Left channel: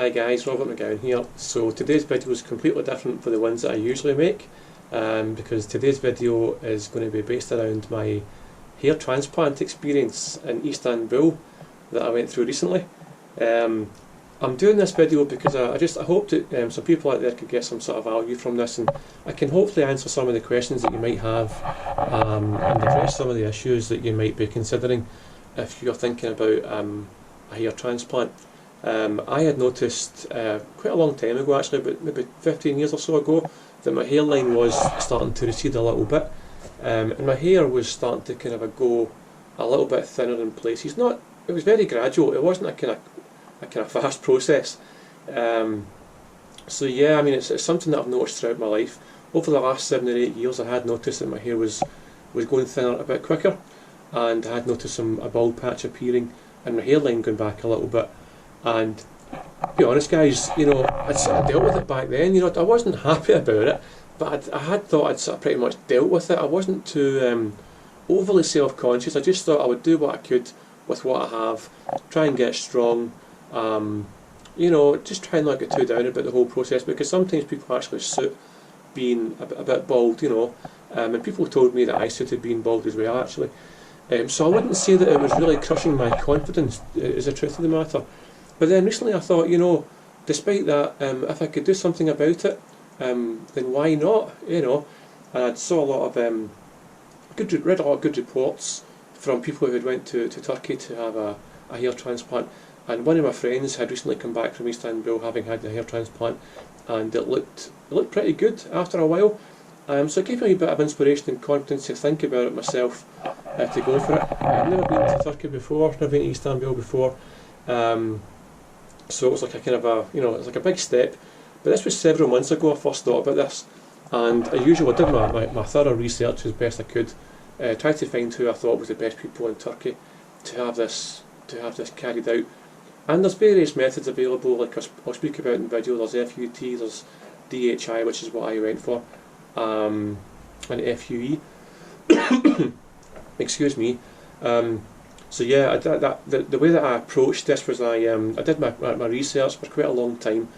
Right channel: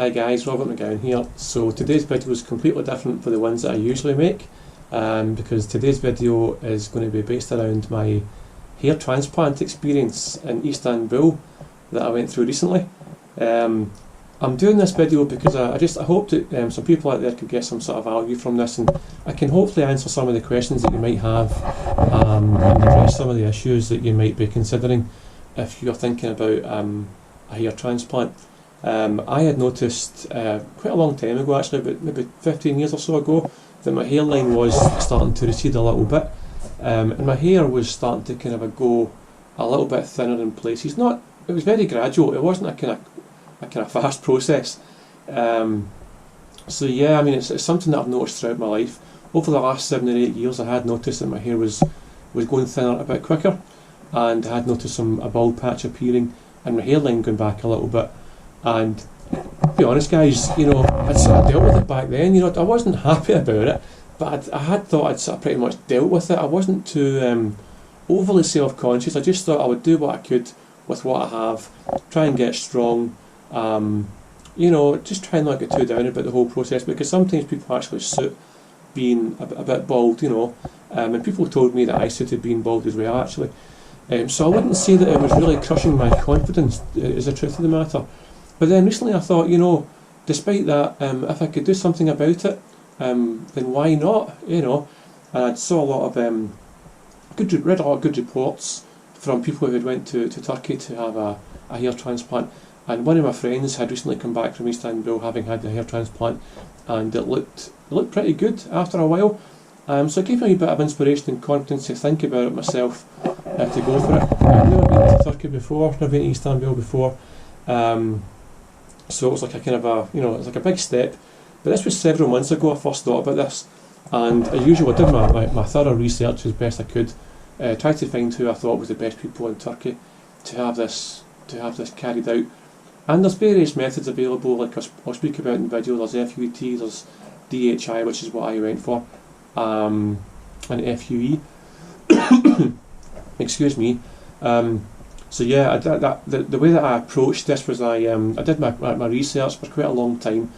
Hi guys, Robert McGowan here. So today's video is completely different for the ones that I usually make because today's video is going to be based around my hair transplant experience in Istanbul that I went through recently. I'm doing this video because I hope that some people out there could get some sort of value from this, and I can hopefully answer some of the questions that you might have and address some of the issues that you might be considering if you're thinking about a hair transplant. I had noticed quite a long time ago, actually, about maybe 15 years or so ago, that my hairline was starting to recede a little bit, and my hair was starting to kind of go a little bit thinner in places. It was very gradual. It wasn't a kind of fast process. So yeah, I mean, it's something that I've noticed throughout my life. Over the last 7 or 8 years, I had noticed that my hair was going thinner a bit quicker, and I had noticed a bald patch appearing and my hairline going back a little bit. And to be honest, guys, I'd sort of dealt with it back then. I wasn't happy about it, but I had thought I'd sort of pretty much dealt with it. I wasn't too overly self-conscious. I just thought I would do what I could with what I have, try and get strong, just try and not get too down about the whole process, because sometimes people actually suit being a bit bald, and people told me that I suited being bald as well, actually. So I wouldn't say that it was really crushing my confidence, is the truth of the matter. But then recently I thought, despite that, if I could do something about it, then why not, And I saw a lot of read a lot of good reports from people who had went to Turkey to have a hair transplant. And one of my friends had recently come back from Istanbul having had a hair transplant, and it looked pretty good after a while. So it gave me a bit of inspiration and confidence to think about it myself, to go for it. I've never been to Turkey before, never been to Istanbul before. So it was like a kind of it was like a big step. But this was several months ago I first thought about this, and as usual I did my thorough research as best I could, tried to find who I thought was the best people in Turkey to have this carried out. And there's various methods available, like I'll speak about in the video. There's FUT, there's DHI, which is what I went for, and FUE. Excuse me. So yeah, the way that I approached this was I did my research for quite a long time,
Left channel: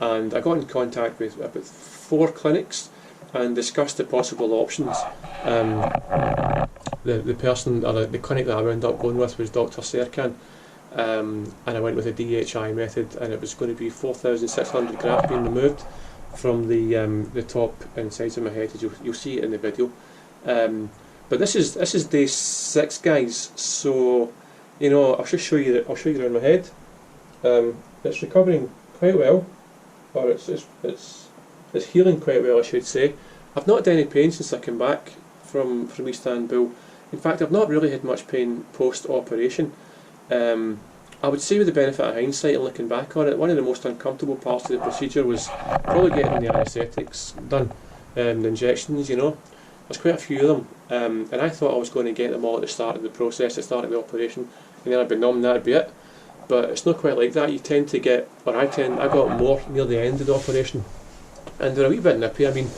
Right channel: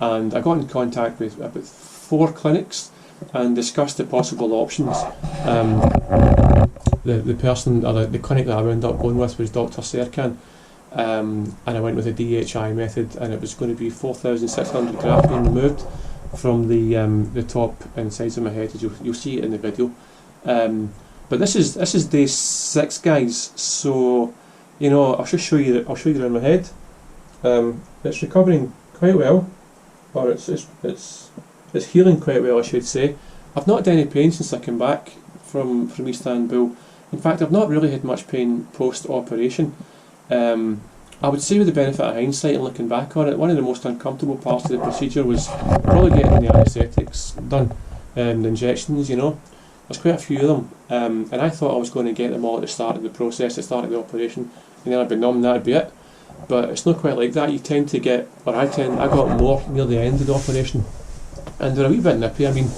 and I got in contact with about 4 clinics and discussed the possible options. The person, or the clinic that I wound up going with was Dr. Serkan, and I went with the DHI method, and it was going to be 4,600 grafts being removed from the top and sides of my head. You'll see it in the video. But this is day 6, guys. So I'll just show you around my head. It's recovering quite well, or it's healing quite well, I should say. I've not had any pain since I came back from Istanbul. In fact, I've not really had much pain post-operation. I would say, with the benefit of hindsight and looking back on it, one of the most uncomfortable parts of the procedure was probably getting the anaesthetics done, the injections. There's quite a few of them, and I thought I was going to get them all at the start of the process, at the start of the operation, and then I'd be numb, that'd be it. But it's not quite like that. You tend to get, I got more near the end of the operation, and they're a wee bit nippy. I mean,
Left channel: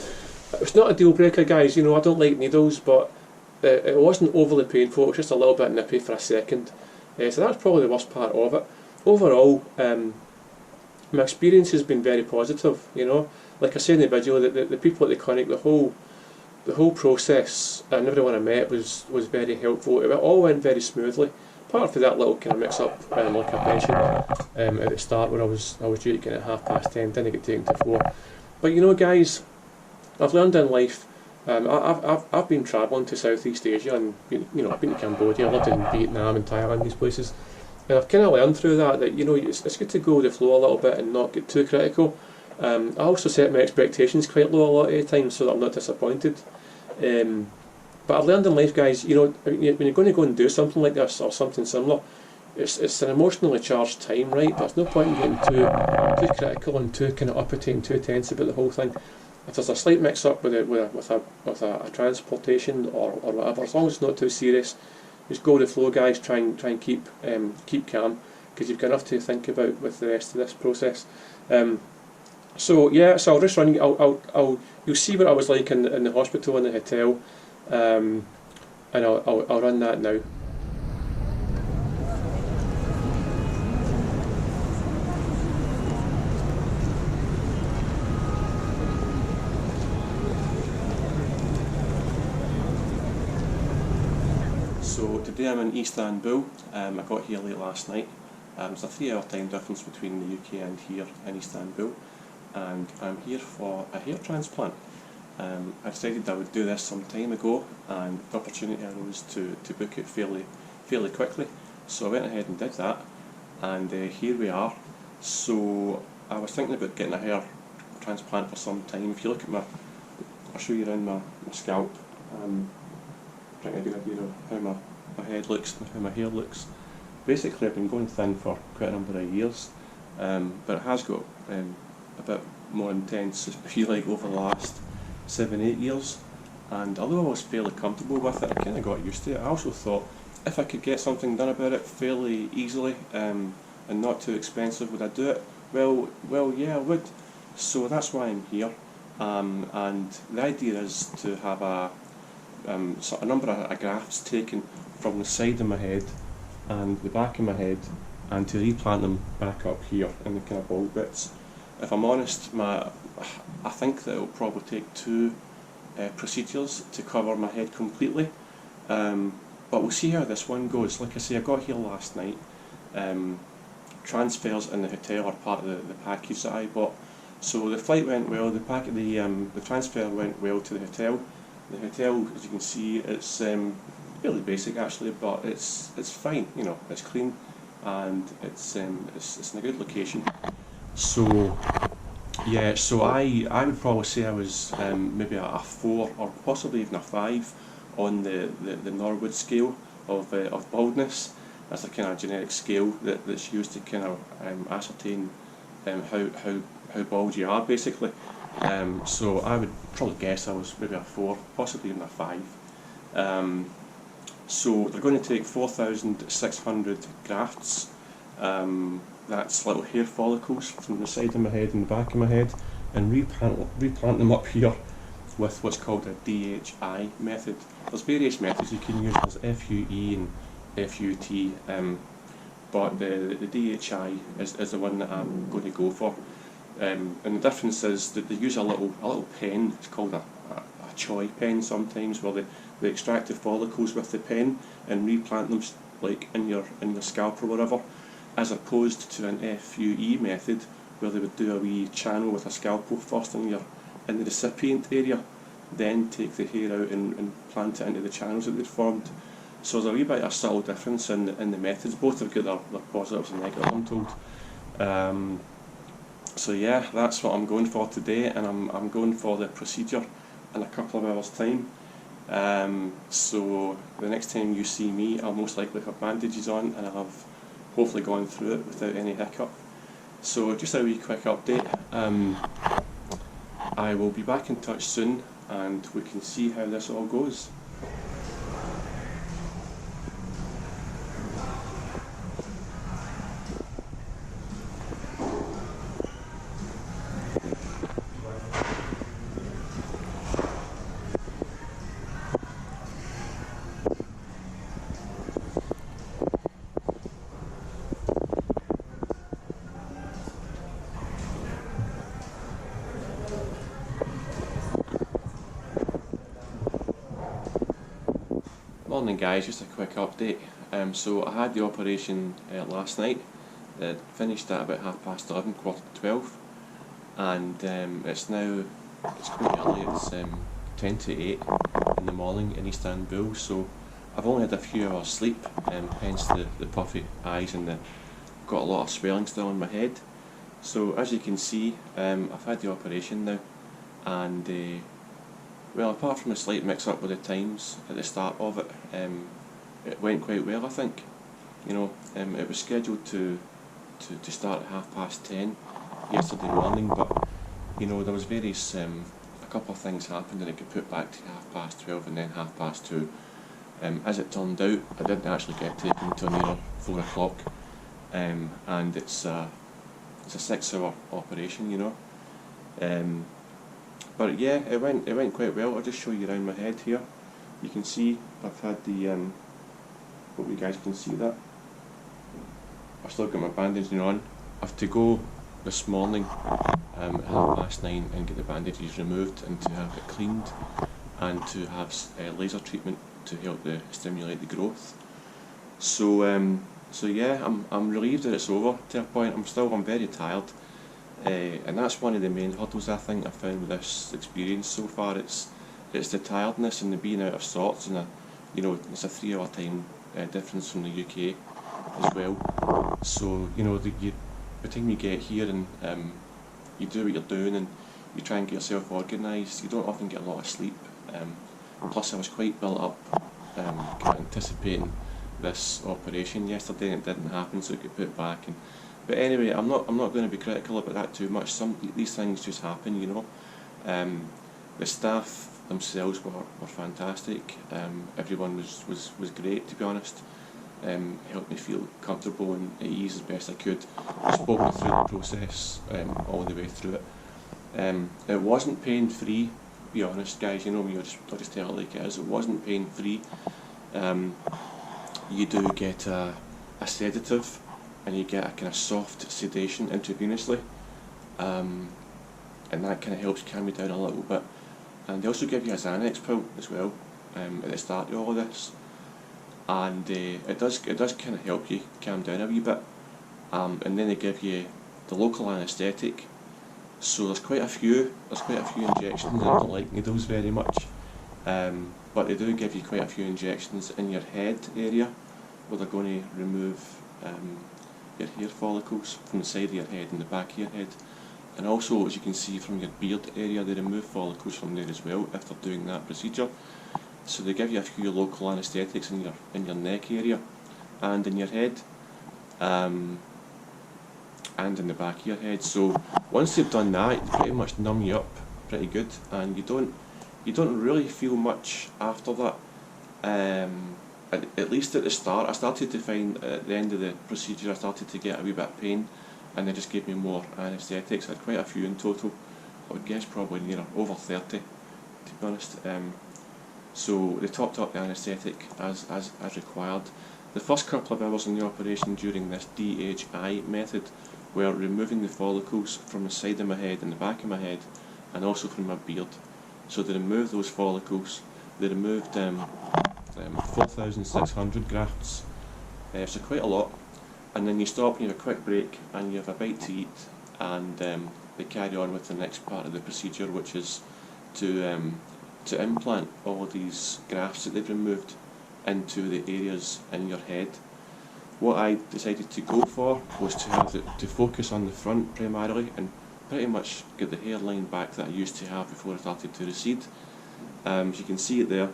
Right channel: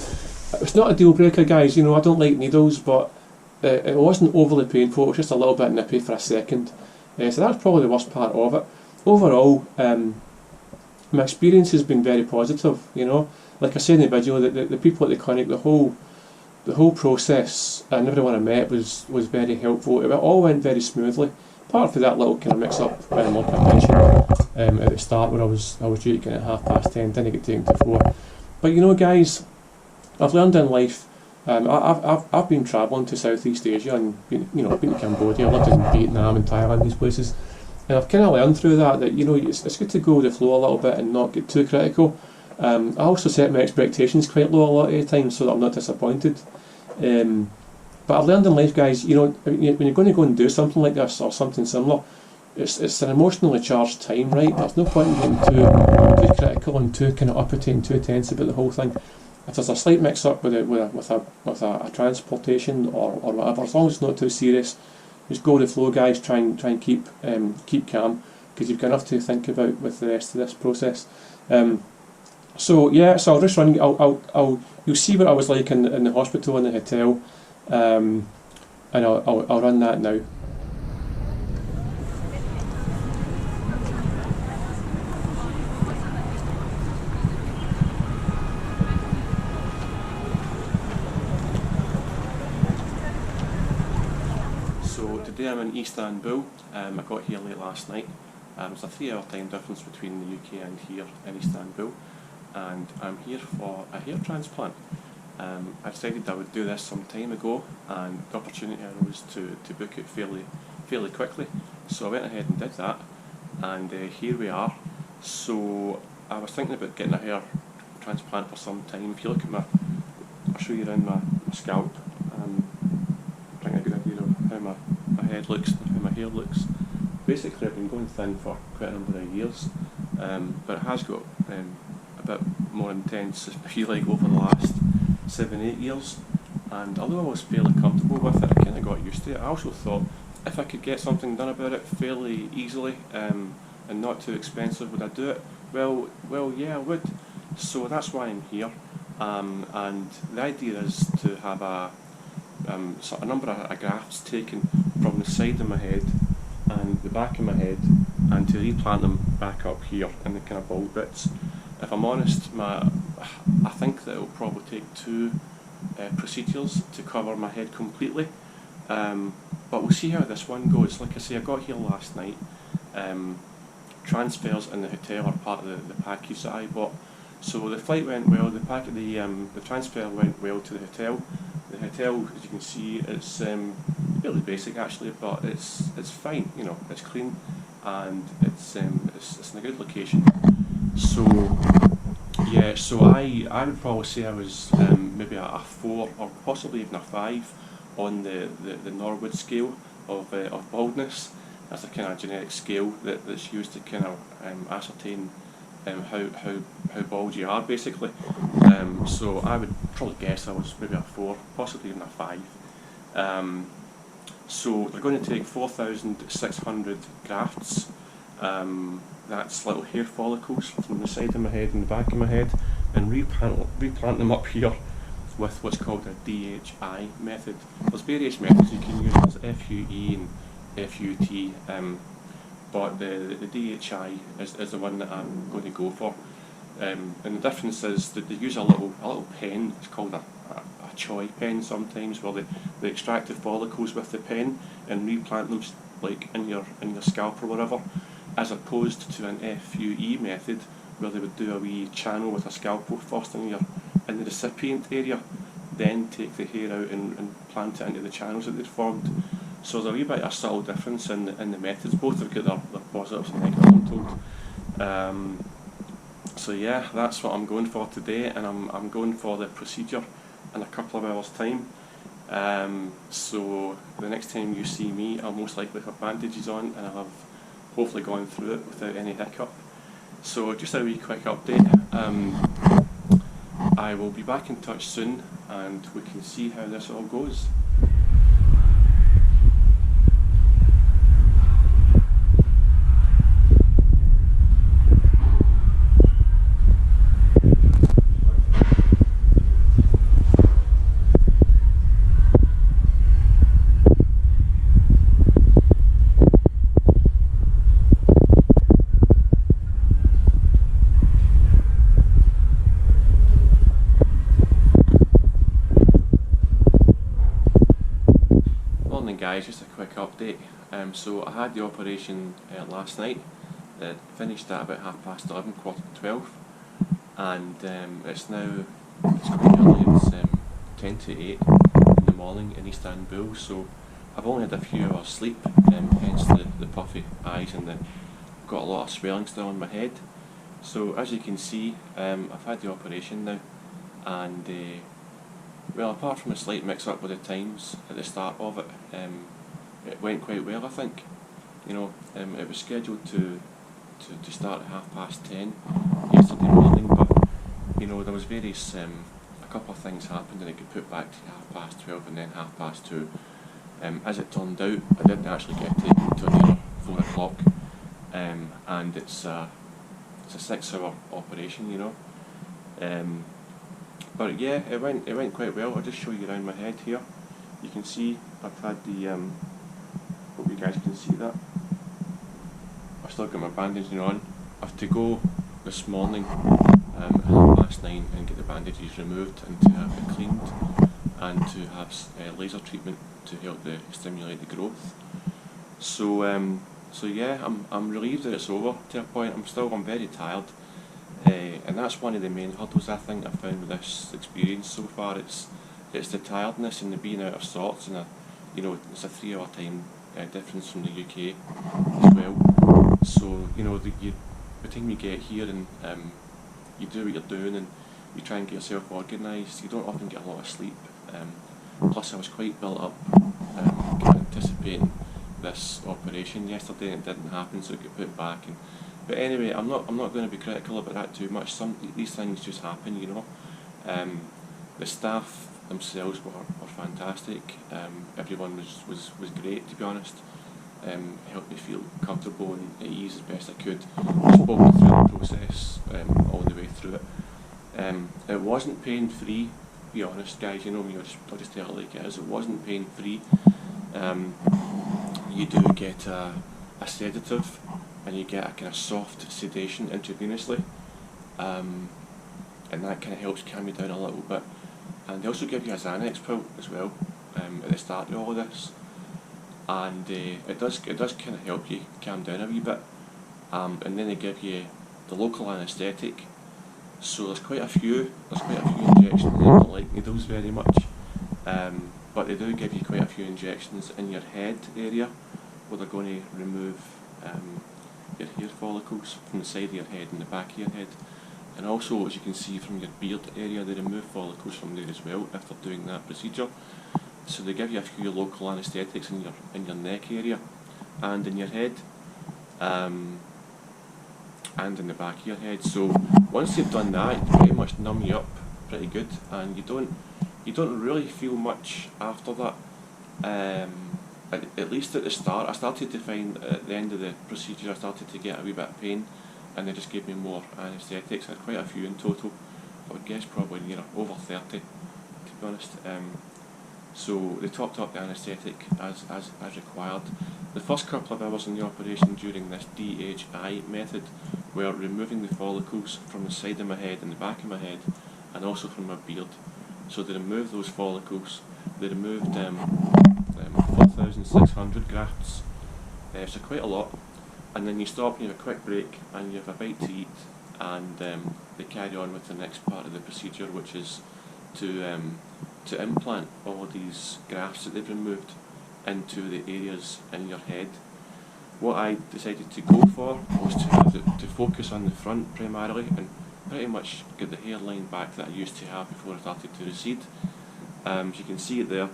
it's not a deal breaker, guys. I don't like needles, but it wasn't overly painful. It was just a little bit nippy for a second. So that's probably the worst part of it. Overall, my experience has been very positive. Like I said in the video, the people at the clinic, the whole process and everyone I met was very helpful. It all went very smoothly, apart from that little kind of mix up, like I mentioned at the start, where I was due to get at 10:30, didn't get taken to 4. But guys, I've learned in life. I've been travelling to Southeast Asia and been to Cambodia, lived in Vietnam and Thailand, these places, and I've kind of learned through that it's good to go with the flow a little bit and not get too critical. I also set my expectations quite low a lot of the time so that I'm not disappointed. But I've learned in life, guys, when you're going to go and do something like this or something similar, it's an emotionally charged time, right? There's no point in getting too critical and too kind of uppity and too tense about the whole thing. If there's a slight mix up with a transportation or whatever, as long as it's not too serious, just go with the flow, guys. Try and keep calm, because you've got enough to think about with the rest of this process. So yeah, so I'll just run. You'll see what I was like in the hospital and the hotel, and I'll run that now. Today I'm in Istanbul. I got here late last night. There's a 3-hour time difference between the UK and here in Istanbul, and I'm here for a hair transplant. I decided I would do this some time ago, and the opportunity arose to book it fairly quickly. So I went ahead and did that, and here we are. So I was thinking about getting a hair transplant for some time. If you look at I'll show you around my scalp. Trying to get a good idea of how my head looks and how my hair looks. Basically, I've been going thin for quite a number of years, but it has got a bit more intense, I feel like, over the last 7-8 years. And although I was fairly comfortable with it, I kind of got used to it. I also thought if I could get something done about it fairly easily and not too expensive, would I do it? Well, yeah, I would. So that's why I'm here. And the idea is to have a number of grafts taken from the side of my head and the back of my head, and to replant them back up here in the kind of bald bits. If I'm honest, I think that it will probably take 2 procedures to cover my head completely, but we'll see how this one goes. Like I say, I got here last night. Transfers in the hotel are part of the package that I bought, so the flight went well. The transfer went well to the hotel. The hotel, as you can see, it's fairly basic actually, but it's fine. You know, it's clean and it's in a good location. So yeah, so I would probably say I was maybe a 4 or possibly even a 5 on the Norwood scale of baldness. That's a kind of generic scale that's used to kind of ascertain how bald you are, basically. So I would probably guess I was maybe a 4, possibly even a 5. So they're going to take 4,600 grafts. That's little hair follicles from the side of my head and the back of my head, and replant them up here with what's called a DHI method. There's various methods you can use. There's FUE and FUT. But the DHI is the one that I'm going to go for. And the difference is that they use a little pen. It's called a Choi pen sometimes, where they extract the follicles with the pen and replant them like in your scalp or whatever, as opposed to an FUE method where they would do a wee channel with a scalpel first in the recipient area, then take the hair out and plant it into the channels that they'd formed. So there's a wee bit of a subtle difference in the methods. Both have got their positives and negatives, I'm told. So yeah, that's what I'm going for today, and I'm going for the procedure in a couple of hours' time. So the next time you see me, I'll most likely have bandages on, and I'll have hopefully gone through it without any hiccup. So just a wee quick update. I will be back in touch soon, and we can see how this all goes. Morning guys, just a quick update. So I had the operation last night. It finished at about 11:30, 11:45, and it's quite early. It's 10 to 8 in the morning in Istanbul. So I've only had a few hours sleep, hence the puffy eyes, and got a lot of swelling still in my head. So as you can see, I've had the operation now, and well, apart from a slight mix-up with the times at the start of it, it went quite well, I think. You know, it was scheduled to start at 10:30 yesterday morning, but you know, there was a couple of things happened, and it got put back to 12:30 and then 2:30. As it turned out, I didn't actually get taken to near 4 o'clock, and it's a 6-hour operation, you know. But yeah, it went quite well. I'll just show you around my head here. You can see I've had hope you guys can see that. I've still got my bandaging on. I have to go this morning at 9:30 and get the bandages removed and to have it cleaned, and to have laser treatment to help stimulate the growth. So yeah, I'm relieved that it's over to a point. I'm very tired, and that's one of the main hurdles I think I found with this experience so far. It's the tiredness and the being out of sorts, and it's a 3 hour time difference from the UK as well. So by the time you get here and you do what you're doing and you try and get yourself organised, you don't often get a lot of sleep. Plus I was quite built up, kind of anticipating this operation yesterday, and it didn't happen, so it got put back. But anyway, I'm not going to be critical about that too much. These things just happen, The staff themselves were fantastic. Everyone was great, to be honest. Helped me feel comfortable and at ease as best I could. Spoke me through the process all the way through it. It wasn't pain-free, to be honest, guys. I'll just tell it like it is. It wasn't pain-free. You do get a sedative, and you get a kind of soft sedation intravenously, and that kind of helps calm you down a little bit. And they also give you a Xanax pill as well at the start of all of this, and it does kind of help you calm down a wee bit. And then they give you the local anaesthetic. So there's quite a few injections. I don't like needles very much, but they do give you quite a few injections in your head area, where they're going to remove your hair follicles from the side of your head and the back of your head. And also, as you can see from your beard area, they remove follicles from there as well if they're doing that procedure. So they give you a few local anaesthetics in your neck area and in your head, and in the back of your head. So once they've done that, they pretty much numb you up pretty good, and you don't really feel much after that. At least at the start, I started to find at the end of the procedure, I started to get a wee bit of pain, and they just gave me more anaesthetics. I had quite a few in total. I would guess probably near over 30, to be honest. So they topped up the anaesthetic as required. The first couple of hours in the operation during this DHI method were removing the follicles from the side of my head and the back of my head, and also from my beard. So they removed those follicles. They removed 4,600 grafts, so quite a lot. And then you stop and you have a quick break and you have a bite to eat, and they carry on with the next part of the procedure, which is to implant all these grafts that they've removed into the areas in your head. What I decided to go for was to focus on the front primarily, and pretty much get the hairline back that I used to have before I started to recede. As you can see it there.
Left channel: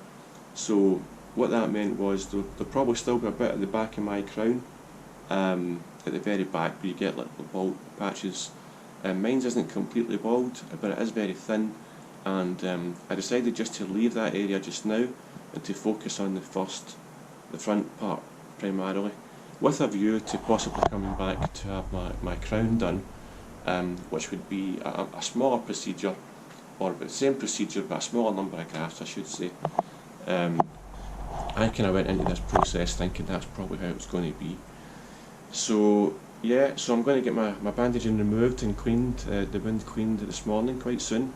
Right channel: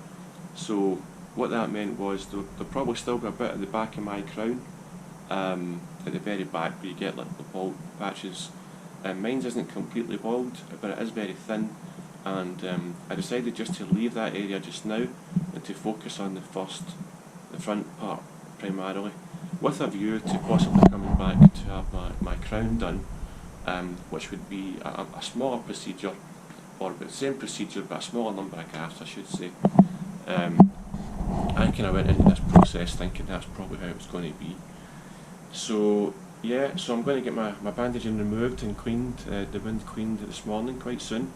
So what that meant was there'll probably still be a bit at the back of my crown, at the very back where you get little bald patches. Mine isn't completely bald, but it is very thin, and I decided just to leave that area just now and to focus on the front part primarily, with a view to possibly coming back to have my crown done, which would be a smaller procedure, or the same procedure but a smaller number of grafts, I should say. I kind of went into this process thinking that's probably how it was going to be. So yeah, so I'm going to get my bandaging removed and cleaned, the wound cleaned this morning quite soon.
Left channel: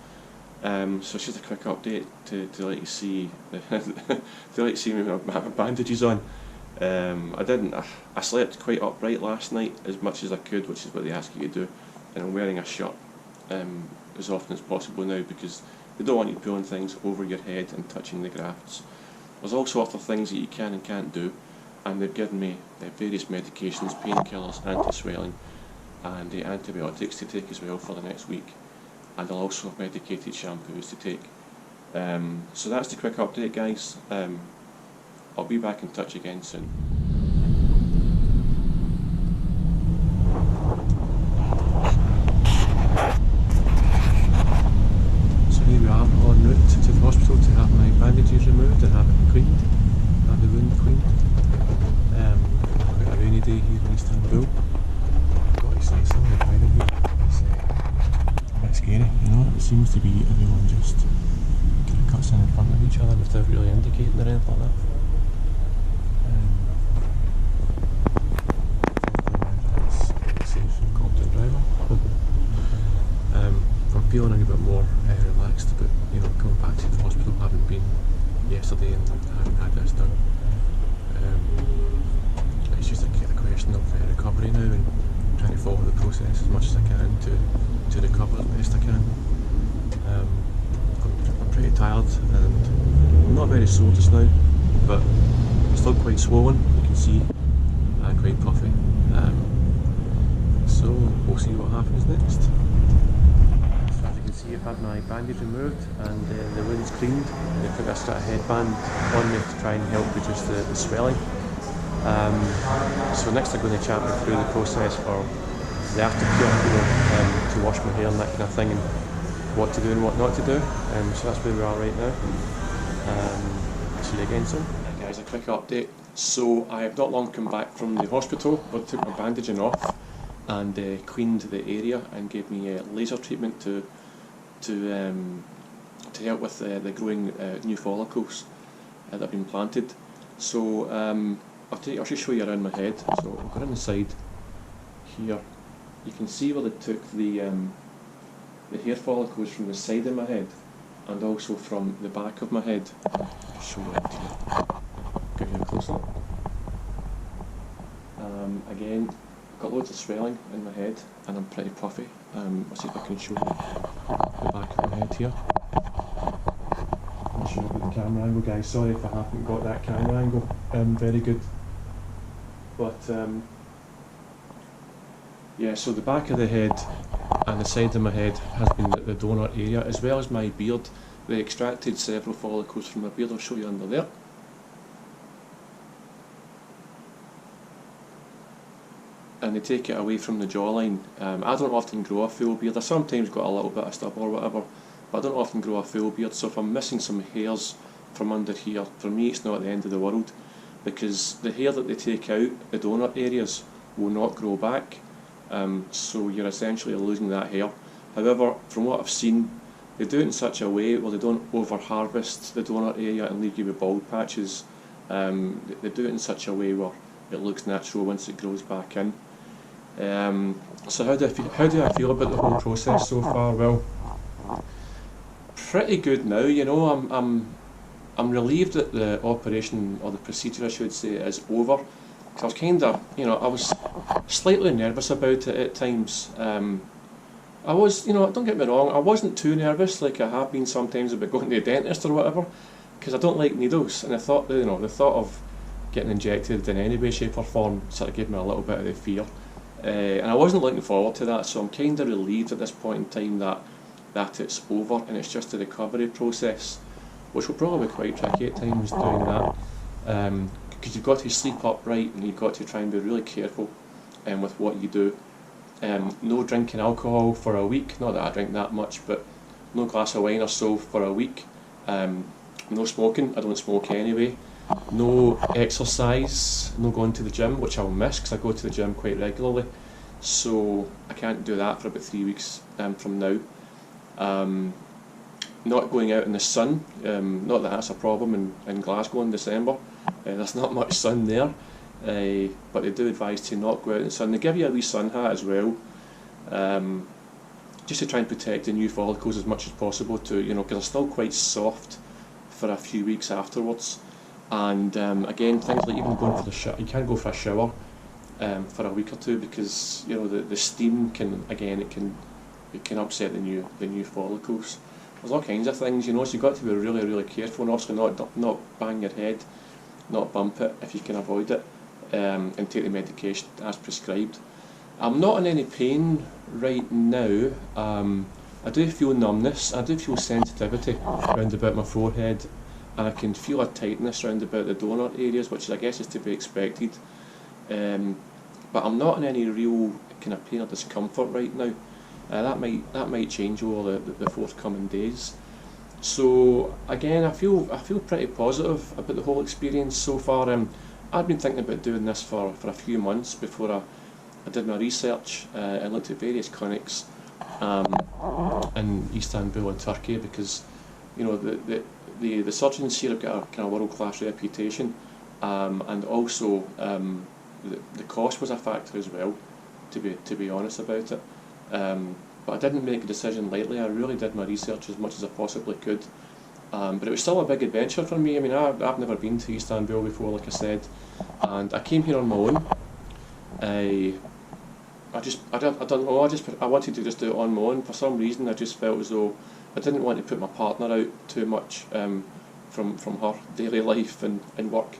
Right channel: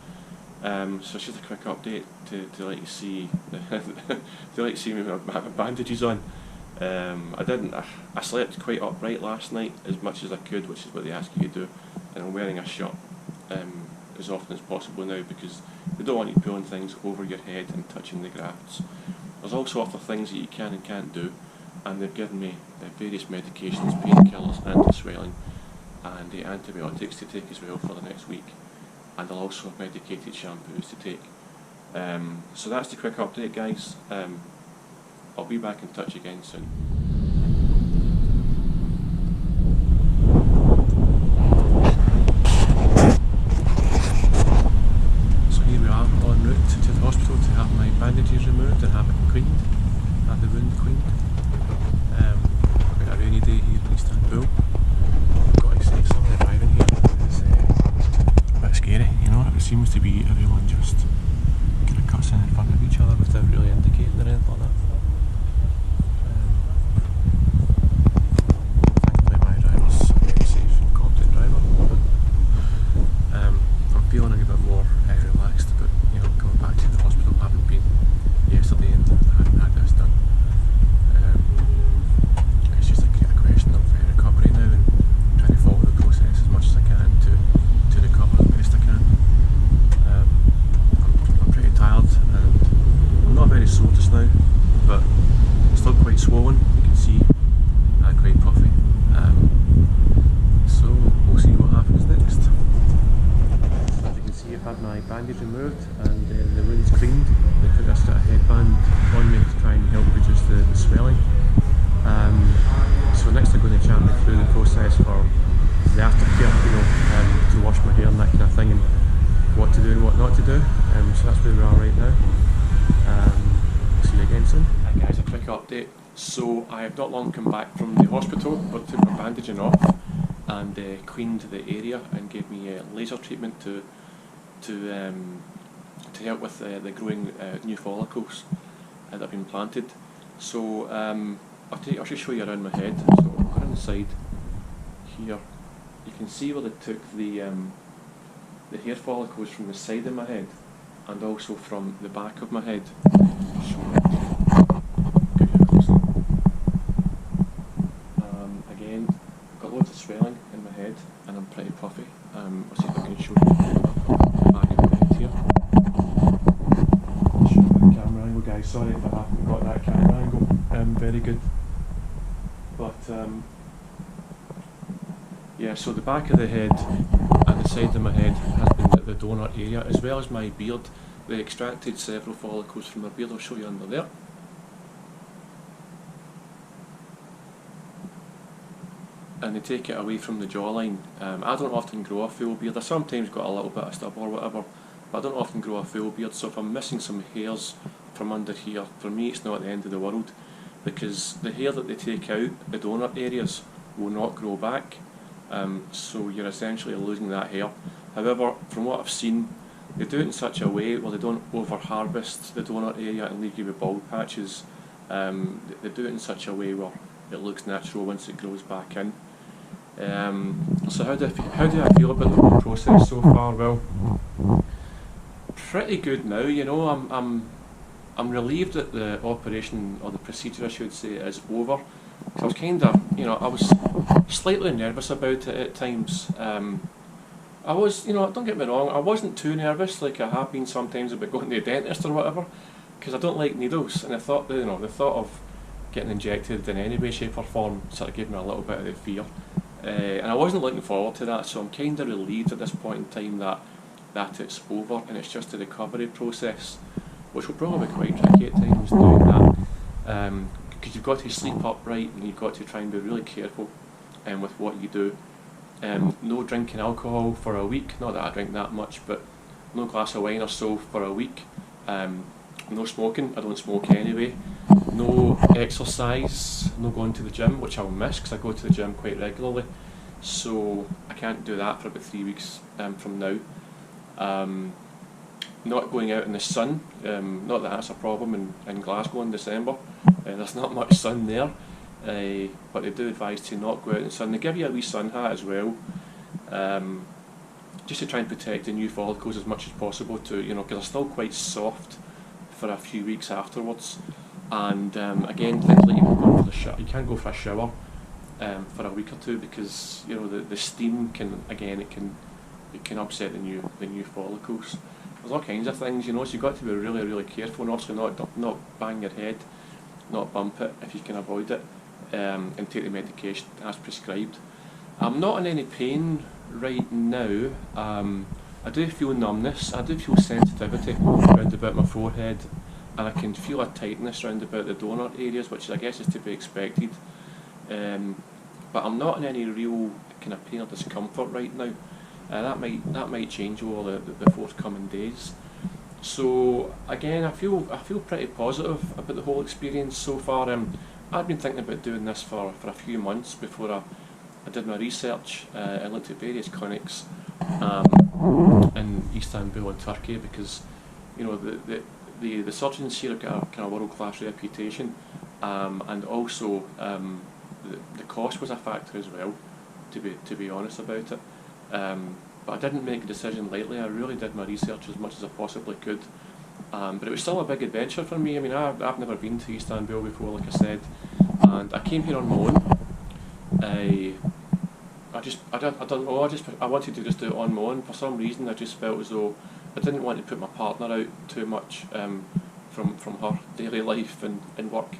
So it's just a quick update to let you see to let you see me with my bandages on. I slept quite upright last night as much as I could, which is what they ask you to do, and I'm wearing a shirt as often as possible now, because they don't want you pulling things over your head and touching the grafts. There's all sorts of things that you can and can't do, and they've given me various medications, painkillers, anti-swelling, and antibiotics to take as well for the next week, and I'll also have medicated shampoos to take. So that's the quick update, guys. I'll be back in touch again soon. So here we are en route to the hospital to have my bandages removed and have it cleaned, have the wound cleaned. Quite a rainy day here in Istanbul. I've got to say, some of the driving here is a bit scary, you know. It seems to be everyone just kind of cuts in front of each other without really indicating or anything like that. I'm feeling a bit more relaxed about coming back to the hospital, having been yesterday and having had this done. progression of recovery now, and trying to follow the process as much as I can to recover as best I can. I'm pretty tired, and I'm not very sore just now, but still quite swollen, you can see, and quite puffy. So we'll see what happens next. So as you can see, I've had my bandage removed and the wound's cleaned. They put a sort of headband on me to try and help reduce the swelling. So next they're going to chat me through the process for the aftercare, to wash my hair and that kind of thing, and what to do and what not to do. So that's where we are right now. See you again soon. Hi guys, a quick update. So I have not long come back from the hospital, but took my bandaging off and cleaned the area and gave me a laser treatment to help with the growing new follicles that have been planted. So I'll just show you around my head. So we'll go around the side here. You can see where they took the hair follicles from the side of my head and also from the back of my head. I'll show you that here. Give you a close up. Again, I've got loads of swelling in my head and I'm pretty puffy. I'll see if I can show you the back of my head here. I'll show you the camera angle, guys. Sorry if I haven't got that camera angle very good. But yeah, so the back of the head and the side of my head has been the donor area, as well as my beard. They extracted several follicles from my beard. I'll show you under there. And they take it away from the jawline. I don't often grow a full beard. I sometimes got a little bit of stubble or whatever, but I don't often grow a full beard. So if I'm missing some hairs from under here, for me it's not the end of the world, because the hair that they take out, the donor areas, will not grow back. So you're essentially losing that hair. However, from what I've seen, they do it in such a way where they don't over-harvest the donor area and leave you with bald patches. They do it in such a way where it looks natural once it grows back in. So how do I feel about the whole process so far? Well, pretty good now. You know, I'm relieved that the operation, or the procedure I should say, is over. Cause I was kind of, I was slightly nervous about it at times. I was, don't get me wrong, I wasn't too nervous like I have been sometimes about going to the dentist or whatever, because I don't like needles, and I thought, the thought of getting injected in any way, shape or form sort of gave me a little bit of the fear. And I wasn't looking forward to that, so I'm kind of relieved at this point in time that it's over and it's just a recovery process, which will probably be quite tricky at times doing that, because you've got to sleep upright and you've got to try and be really careful with what you do. No drinking alcohol for a week, not that I drink that much, but no glass of wine or so for a week. No smoking, I don't smoke anyway. No exercise, no going to the gym, which I'll miss because I go to the gym quite regularly, so I can't do that for about 3 weeks from now. Not going out in the sun, not that that's a problem in Glasgow in December. There's not much sun there, but they do advise to not go out in the sun. They give you a wee sun hat as well, just to try and protect the new follicles as much as possible, because they're still quite soft for a few weeks afterwards. And again, things like even going for the shower, you can't go for a shower for a week or two, because the steam can upset the new follicles. There's all kinds of things, so you've got to be really, really careful, and obviously not bang your head, not bump it if you can avoid it, and take the medication as prescribed. I'm not in any pain right now. I do feel numbness, I do feel sensitivity around about my forehead, and I can feel a tightness around about the donor areas, which I guess is to be expected. But I'm not in any real kind of pain or discomfort right now. That might change over the forthcoming days. So again, I feel pretty positive about the whole experience so far. I'd been thinking about doing this for a few months before I did my research and looked at various clinics in Istanbul and Turkey, because the surgeons here have got a kind of world-class reputation, and also the cost was a factor as well, to be honest about it. But I didn't make a decision lightly. I really did my research as much as I possibly could, but it was still a big adventure for me. I mean, I've never been to Istanbul before, like I said, and I came here on my own. I don't know. I wanted to just do it on my own. For some reason, I just felt as though I didn't want to put my partner out too much from her daily life and work.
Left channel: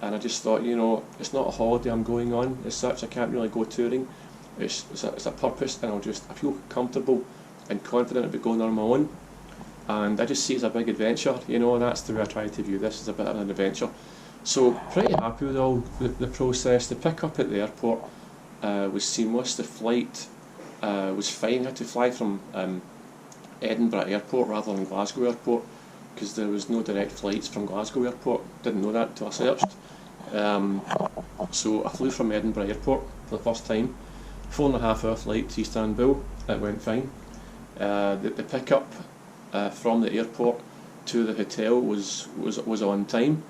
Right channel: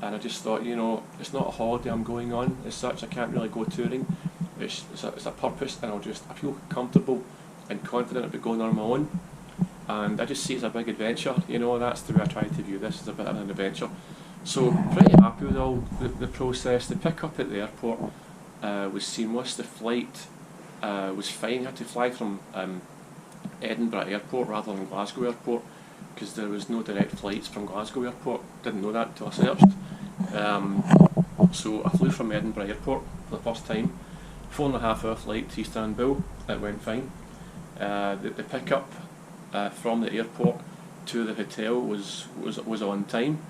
And I just thought, it's not a holiday I'm going on as such. I can't really go touring. It's a purpose, and I feel comfortable and confident about going on my own. And I just see it as a big adventure. That's the way I try to view this, as a bit of an adventure. So pretty happy with all the process. The pick-up at the airport was seamless. The flight was fine. I had to fly from Edinburgh Airport rather than Glasgow Airport, because there was no direct flights from Glasgow Airport. Didn't know that until I searched. So I flew from Edinburgh Airport for the first time. 4.5-hour flight to Istanbul. It went fine. The pickup from the airport to the hotel was on time.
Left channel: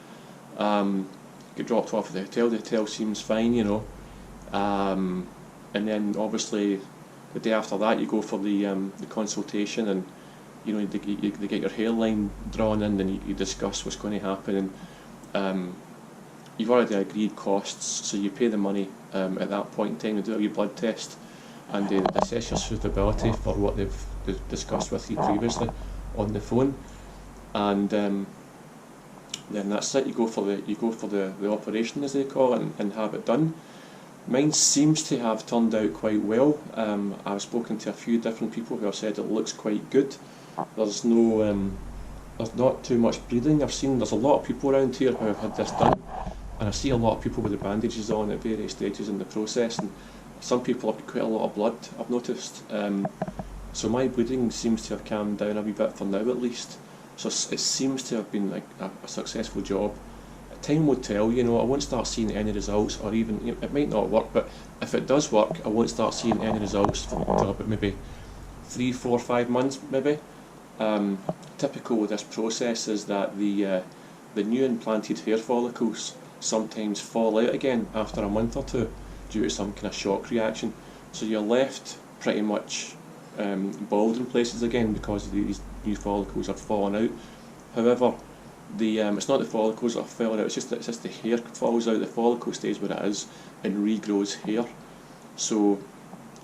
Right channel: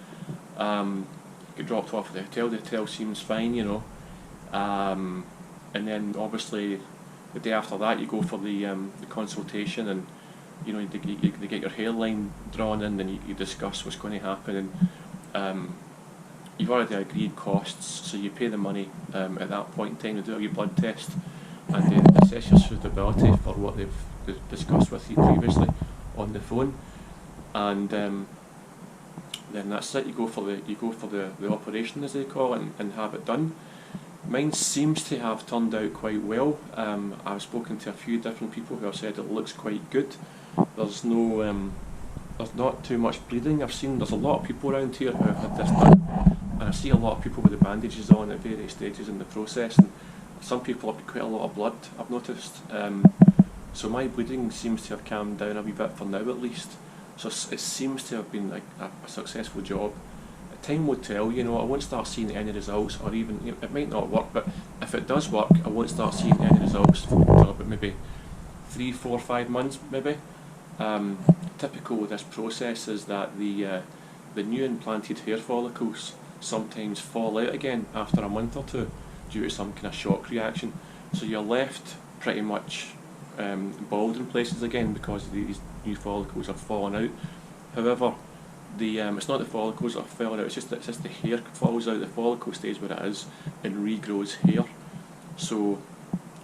Get dropped off at the hotel. The hotel seems fine, and then obviously the day after that you go for the consultation, and they get your hairline drawn in, and you discuss what's going to happen, and you've already agreed costs, so you pay the money at that point in time to do your blood test, and they assess your suitability for what they've discussed with you previously on the phone, and then that's it. You go for the operation, as they call it, and have it done. Mine seems to have turned out quite well. I've spoken to a few different people who have said it looks quite good. There's not too much bleeding. There's a lot of people around here who have had this done, and I see a lot of people with the bandages on at various stages in the process, and some people have quite a lot of blood, I've noticed. So my bleeding seems to have calmed down a wee bit for now, at least. So it seems to have been a successful job. Time will tell. I won't start seeing any results, or even it might not work, but if it does work, I won't start seeing any results for about maybe 3, 4, 5 months, maybe. Typical with this process is that the new implanted hair follicles sometimes fall out again after a month or two due to some kind of shock reaction. So you're left pretty much bald in places again because these new follicles are falling out. However, it's not the follicles that are falling out, it's just the hair falls out, the follicle stays where it is and regrows hair. So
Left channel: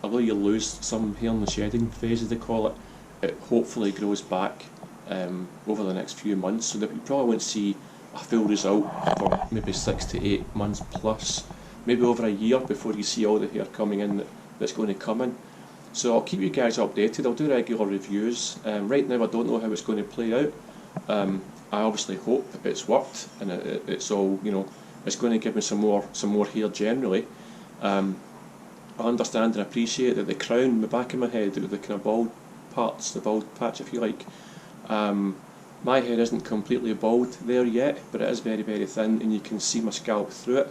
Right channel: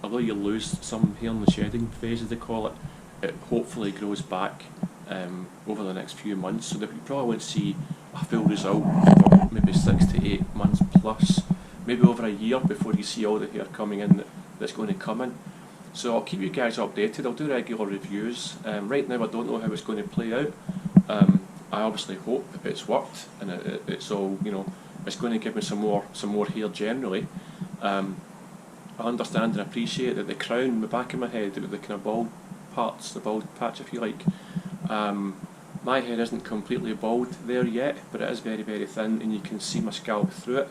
although you lose some hair in the shedding phase, as they call it, it hopefully grows back over the next few months, so that you probably won't see a full result for maybe 6 to 8 months plus, maybe over a year before you see all the hair coming in that's going to come in. So I'll keep you guys updated. I'll do regular reviews. Right now I don't know how it's going to play out. I obviously hope it's worked and it's all, it's going to give me some more hair generally. I understand and appreciate that the crown, the back of my head, the kind of bald parts, the bald patch if you like, my hair isn't completely bald there yet, but it is very, very thin and you can see my scalp through it.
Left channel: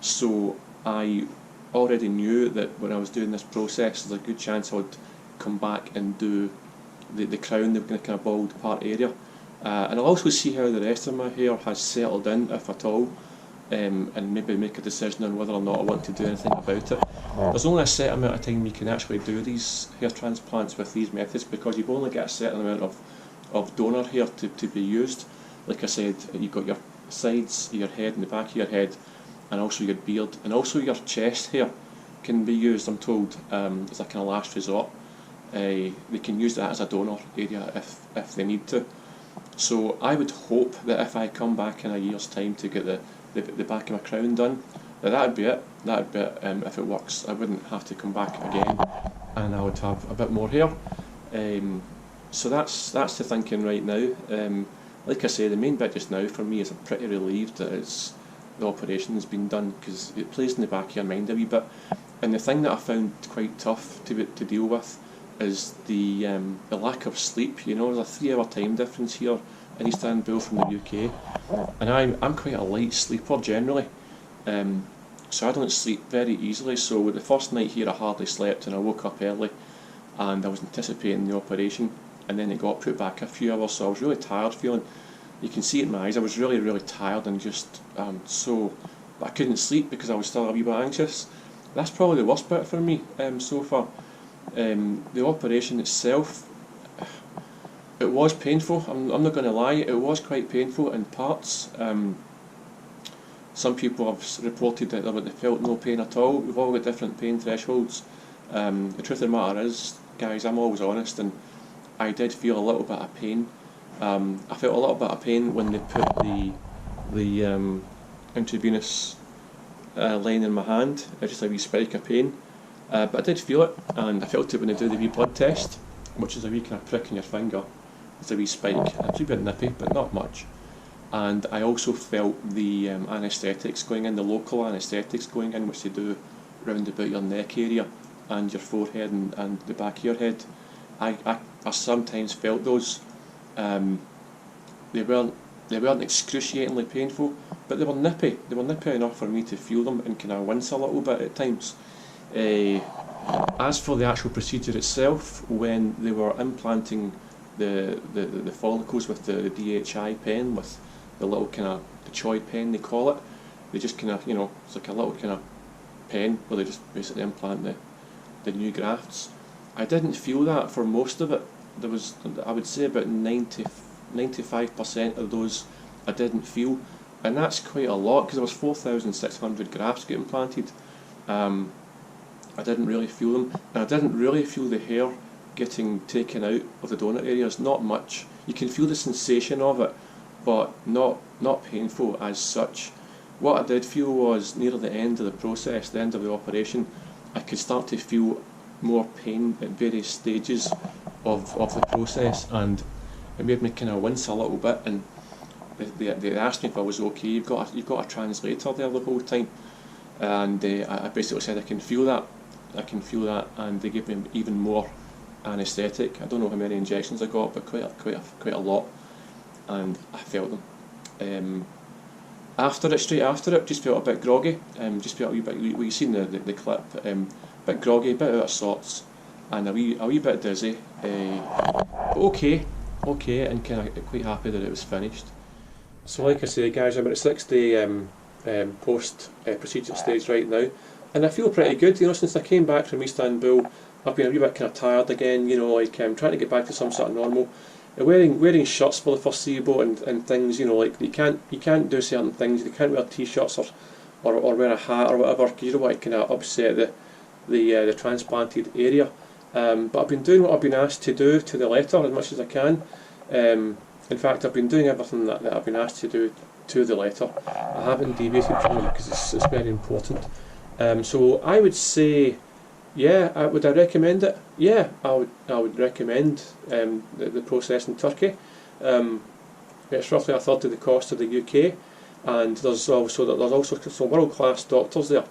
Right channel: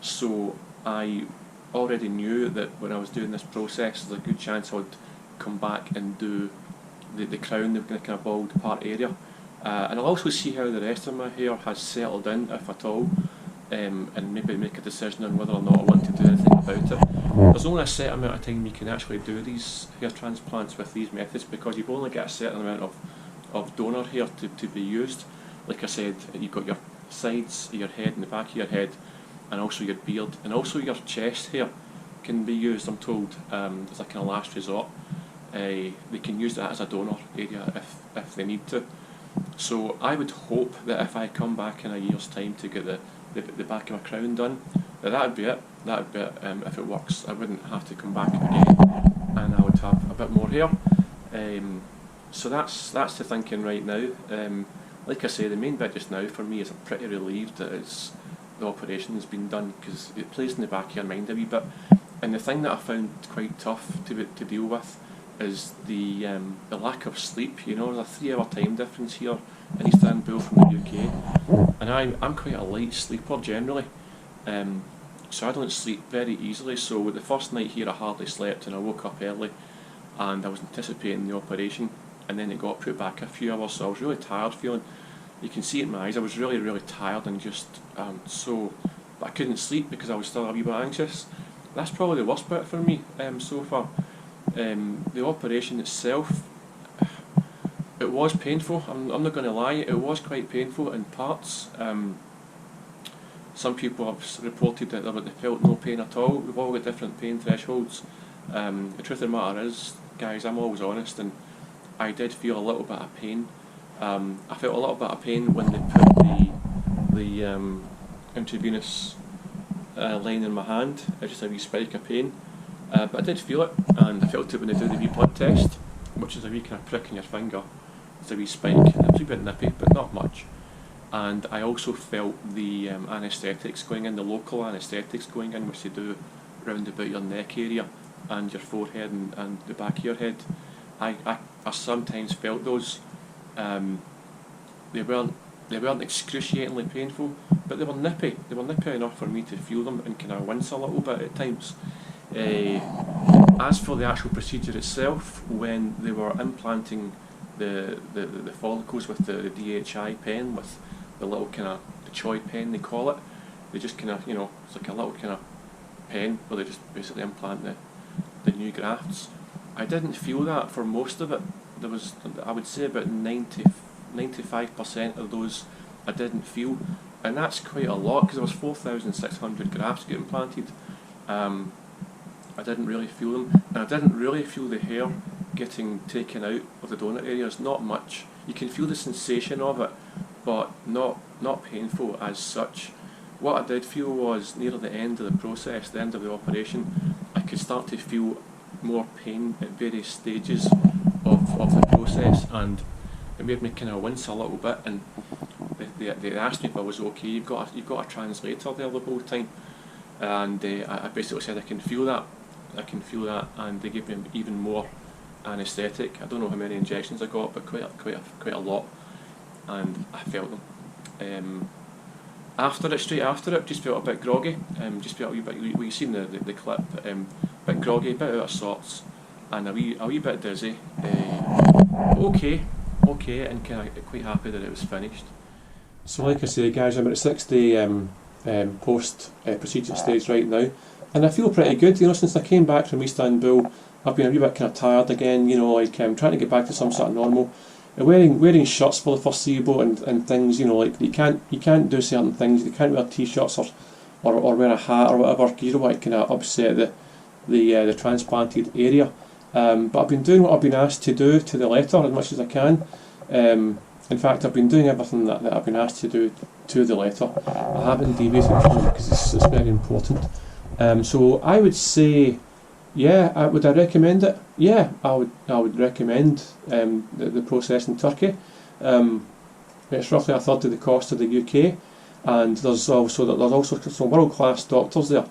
So I already knew that when I was doing this process, there's a good chance I would come back and do the crown, the kind of bald part area. And I'll also see how the rest of my hair has settled in, if at all, and maybe make a decision on whether or not I want to do anything about it. There's only a set amount of time you can actually do these hair transplants with these methods, because you've only got a certain amount of donor hair to be used. Like I said, you've got your sides of your head and the back of your head, and also your beard, and also your chest hair can be used, I'm told, as a kind of last resort. They can use that as a donor area if they need to. So I would hope that if I come back in a year's time to get the back of my crown done, that would be it. That would be it. If it works, I wouldn't have to come back again, and I would have a bit more hair. So that's the thinking right now. Like I say, the main bit just now for me is I'm pretty relieved that the operation has been done, because it plays in the back of your mind a wee bit. And the thing that I found quite tough to deal with is the lack of sleep. There's a 3-hour time difference here in Istanbul from the UK, and I'm quite a light sleeper generally, so I don't sleep very easily. So with the first night here I hardly slept, and I woke up early and I was anticipating the operation, and then it got put back a few hours, so I was really tired feeling. You can see it in my eyes, I was really, really tired, and just but I couldn't sleep because I was still a wee bit anxious. That's probably the worst bit for me so far. The operation itself, it was painful. I'm not going to lie, it was quite painful in parts. Some people have reported that they felt no pain at all. We've all got different pain thresholds. The truth of the matter is, guys, I'm always honest, and I did feel a little bit of pain. I felt a little bit of pain when they put the intravenous line in my hand. Just a wee spike of pain, but I did feel it, and I felt it when they do the wee blood test, which is a wee kind of prick in your finger. It's a wee spike. It was a bit nippy, but not much. And I also felt the anaesthetics going in, the local anaesthetics going in, which they do round about your neck area and your forehead and the back of your head. I sometimes felt those. They weren't excruciatingly painful, but they were nippy. They were nippy enough for me to feel them and kind of wince a little bit at times. As for the actual procedure itself, when they were implanting the follicles with the DHI pen, with the little kind of the choid pen they call it, they just kind of, it's like a little kind of pen where they just basically implant the new grafts. I didn't feel that for most of it. There was, I would say, about 95% of those I didn't feel, and that's quite a lot because there was 4,600 grafts get implanted. I didn't really feel them, and I didn't really feel the hair getting taken out of the donut areas. Not much. You can feel the sensation of it, but not painful as such. What I did feel was near the end of the process, the end of the operation, I could start to feel more pain at various stages of the process, and it made me kind of wince a little bit. And they asked me if I was okay. You've got a translator there the whole time, and I basically said I can feel that, and they gave me even more anaesthetic. I don't know how many injections I got, but quite a lot, and I felt them. Straight after it, just felt a bit groggy. Just felt a wee bit. You've seen the clip. Bit groggy, bit out of sorts, and a wee bit dizzy. But okay, and kind of quite happy that it was finished. So, like I say, guys, I'm at the 6-day post procedure stage right now, and I feel pretty good. Since I came back from Istanbul, I've been a wee bit kind of tired again. I'm trying to get back to some sort of normal. Wearing shirts for the foreseeable and things. Like you can't do certain things. You can't wear t-shirts or wear a hat or whatever, because you don't want to kind of upset the transplanted area. But I've been doing what I've been asked to do to the letter as much as I can. In fact, I've been doing everything that I've been asked to do to the letter. I haven't deviated from it because it's very important. So I would say, yeah, would I recommend it? Yeah, I would recommend the process in Turkey. It's roughly a third of the cost of the UK, and there's also some world-class doctors there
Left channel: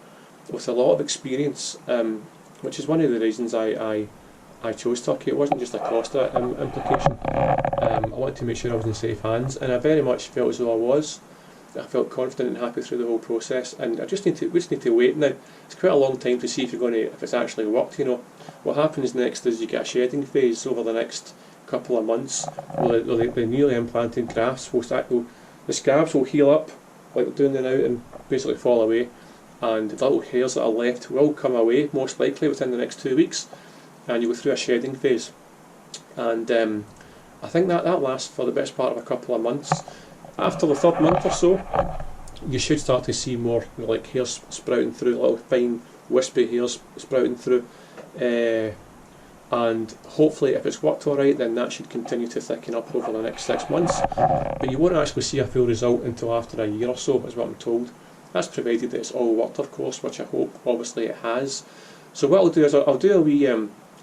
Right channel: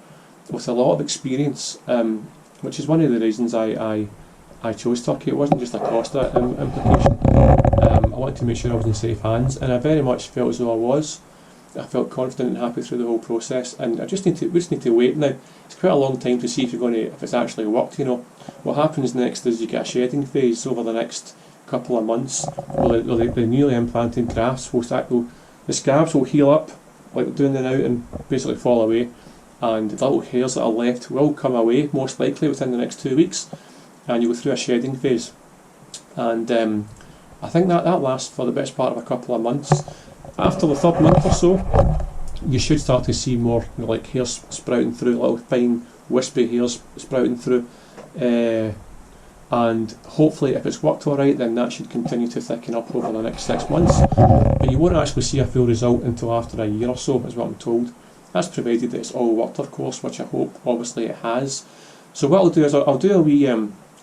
with a lot of experience, which is one of the reasons I chose Turkey. It wasn't just a cost implication. I wanted to make sure I was in safe hands, and I very much felt as though I was. I felt confident and happy through the whole process, and we just need to wait now. It's quite a long time to see if it's actually worked. What happens next is you get a shedding phase over the next couple of months. The newly implanted grafts the scabs will heal up like they're doing now and basically fall away, and the little hairs that are left will come away most likely within the next 2 weeks, and you go through a shedding phase, and I think that lasts for the best part of a couple of months. After the third month or so, you should start to see more like hairs sprouting through, little fine wispy hairs sprouting through, and hopefully if it's worked alright, then that should continue to thicken up over the next 6 months, but you won't actually see a full result until after a year or so, is what I'm told. That's provided that it's all worked, of course, which I hope obviously it has. So what I'll do is I'll do a wee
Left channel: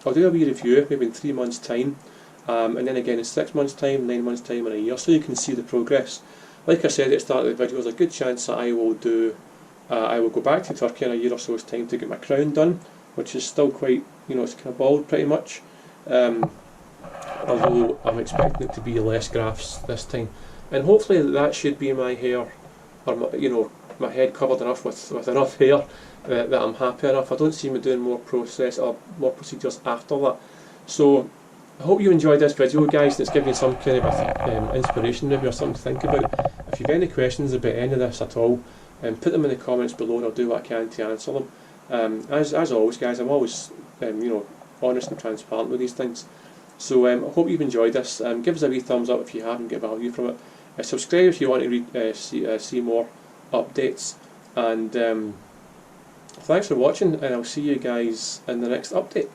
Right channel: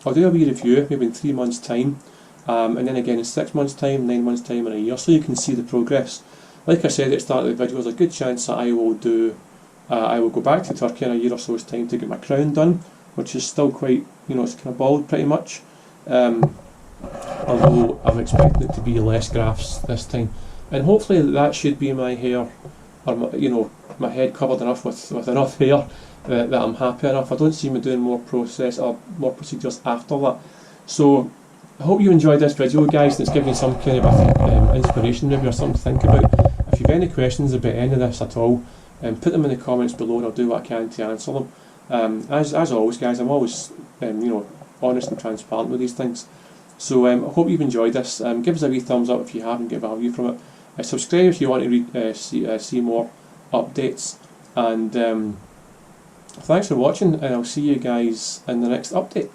review maybe in 3 months' time, and then again in 6 months' time, 9 months' time, and a year, so you can see the progress. Like I said at the start of the video, there's a good chance that I will go back to Turkey in a year or so's time to get my crown done, which is still quite, it's kind of bald pretty much. Although I'm expecting it to be less grafts this time, and hopefully that should be my hair, or my head covered enough with enough hair that I'm happy enough. I don't see me doing more procedures after that. So I hope you enjoyed this video, guys, and it's given you some kind of inspiration maybe, or something to think about. If you've any questions about any of this at all, put them in the comments below, and I'll do what I can to answer them. As always, guys, I'm always honest and transparent with these things. So I hope you've enjoyed this. Give us a wee thumbs up if you haven't got value from it. Subscribe if you want to see more updates. And thanks for watching, and I'll see you guys in the next update.